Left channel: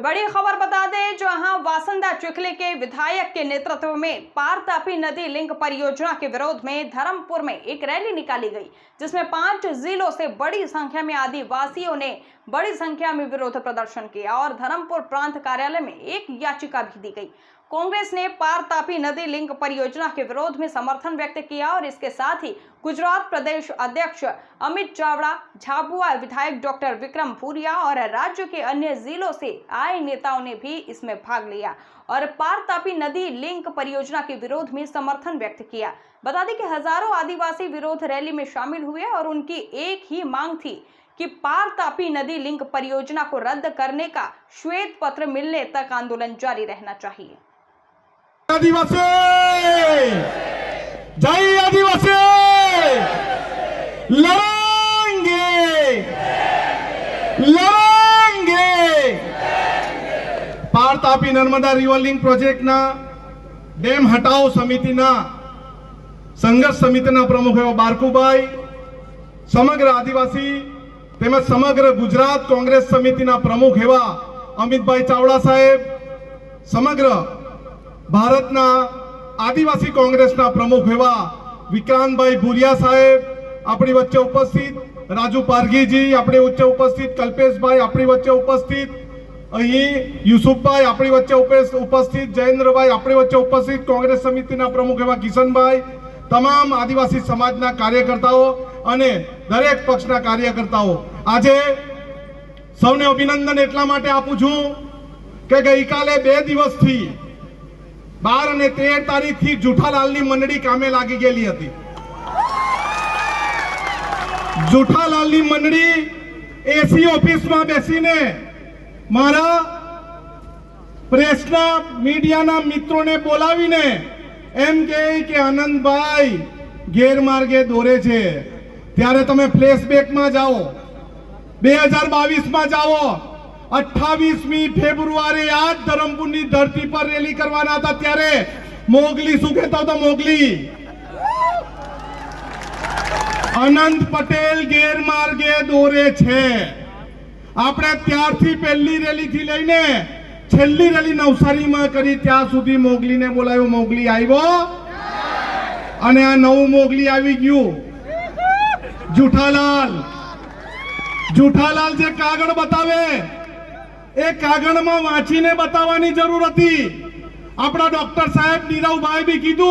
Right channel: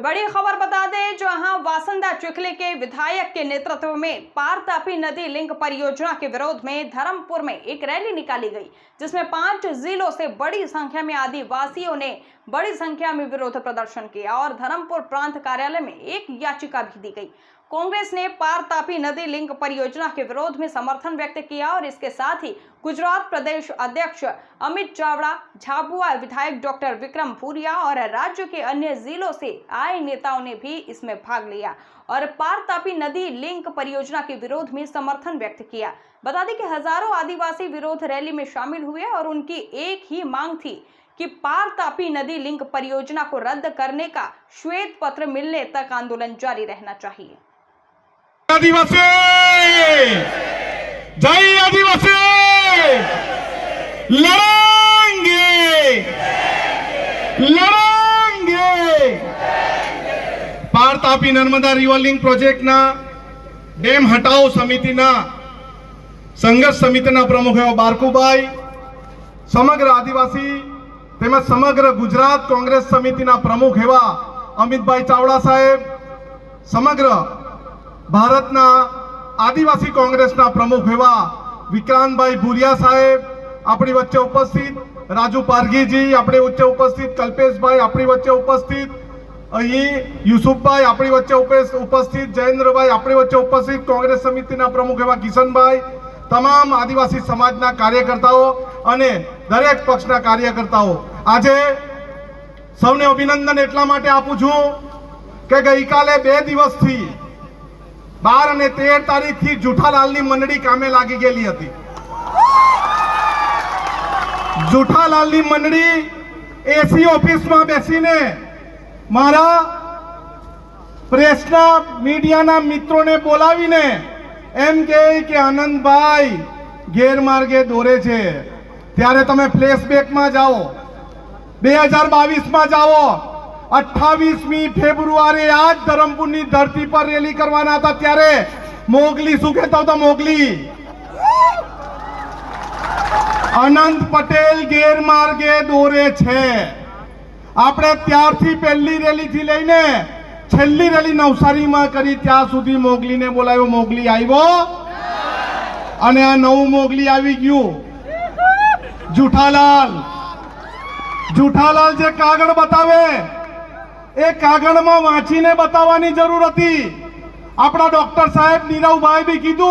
बड़ी खबर बता दें, जहां वासंदा चिखली के विधायक के नेतृत्व में पार तापी नदी लिंक परियोजना के विरोध में धर्मपुर में एक रैली निकाली गई, जिसमें 5 जिलों से बड़ी संख्या में आदिवासियों ने बड़ी संख्या में विरोध प्रदर्शन किया और धर्मपुर प्रांत कार्यालय में एक याचिका भी दी गई। कांग्रेस ने पार तापी नदी लिंक परियोजना के विरोध में समर्थन व्यक्त किया और इसके साथ ही गुजरात प्रदेश अध्यक्ष अमित चावड़ा, झाबुआ विधायक डॉक्टर विक्रम भूरिया और राज्य के अन्य जिलों से आए नेताओं ने भी इसमें भाग लिया और पार तापी नदी लिंक परियोजना के विरोध में समर्थन व्यक्त किया। बता दें कि हजारों आदिवासी विरोध रैली में शामिल हुए और उनकी एक ही मांग थी कि पार तापी नदी लिंक परियोजना को रद्द करने का श्वेत पत्र मिलने तक आंदोलन जारी रहना चाहिए। आदिवासी जय आदिवासी लड़ेंगे लड़ेंगे। पार Tapi Narmada river link project ना डेम हटाओ समिति ना संघर्ष समिति ना प्रमुख एवं बारकुभाई, समग्र आदिवासी तेमज समग्र गुजरात कांग्रेस समिति ना प्रमुख एवं अमित भाई चावड़ा साहेब, समग्र भारतना आदिवासी कांग्रेसना प्रमुख एवं विक्रांत भाई भूरिया साहेब अपनी वच्चे उपस्थित, राजू पारगीजी अपनी वच्चे उपस्थित, कल्पेश भाई अपनी वच्चे उपस्थित, यूसुफ भाई अपनी वच्चे उपस्थित, जयेंद्र भाई अपनी वच्चे उपस्थित, कांग्रेस समितिना प्रमुख एवं किशन भाई, तमाम आदिवासी समाजना कार्यकर्ताओं अने दरेक पक्षना कार्यकर्ताओं आजे सौने अभिनंदन एटला माटे आपું છું કે ગઈકાલે 2 દિવસથી 12 અને 13 તારીખથી જુઠાલાલની મંડળી કામે લાગી ગયેલી હતી। જુઠાલાલની મંડળી એસી ઓફિસમાં બેસીને મારા પ્રેસના મીડિયાના મિત્રોને બોલાવીને એમ કહે કે આનંદભાઈ ગેરમાર્ગે દોરે છે। ત્યારે તમે ફ્લેશબેકમાં જાઓ, 2022માં જાઓ। 28મી ફેબ્રુઆરી आज धरमपुरनी धरती पर रेली करवाना था, त्यारे मोगली शू कहता होता मोगली अनंत पटेल गैरमार्गे दौरे छे। आपणे त्यारथी पहली रेली थी लईने छेल्ली रेली नवसारी में करी त्यार सुधी मोगली ने बोलाव्यो। मोगली आव्यो अने आ नवुं मोगली आवी गयुं। जूठालाल जे कागळ बतावे ए कागळ में वाँचीने बतावानी जरूर हती। आपड़ा डॉक्टर साहेब नीरव भाई भी कीधुं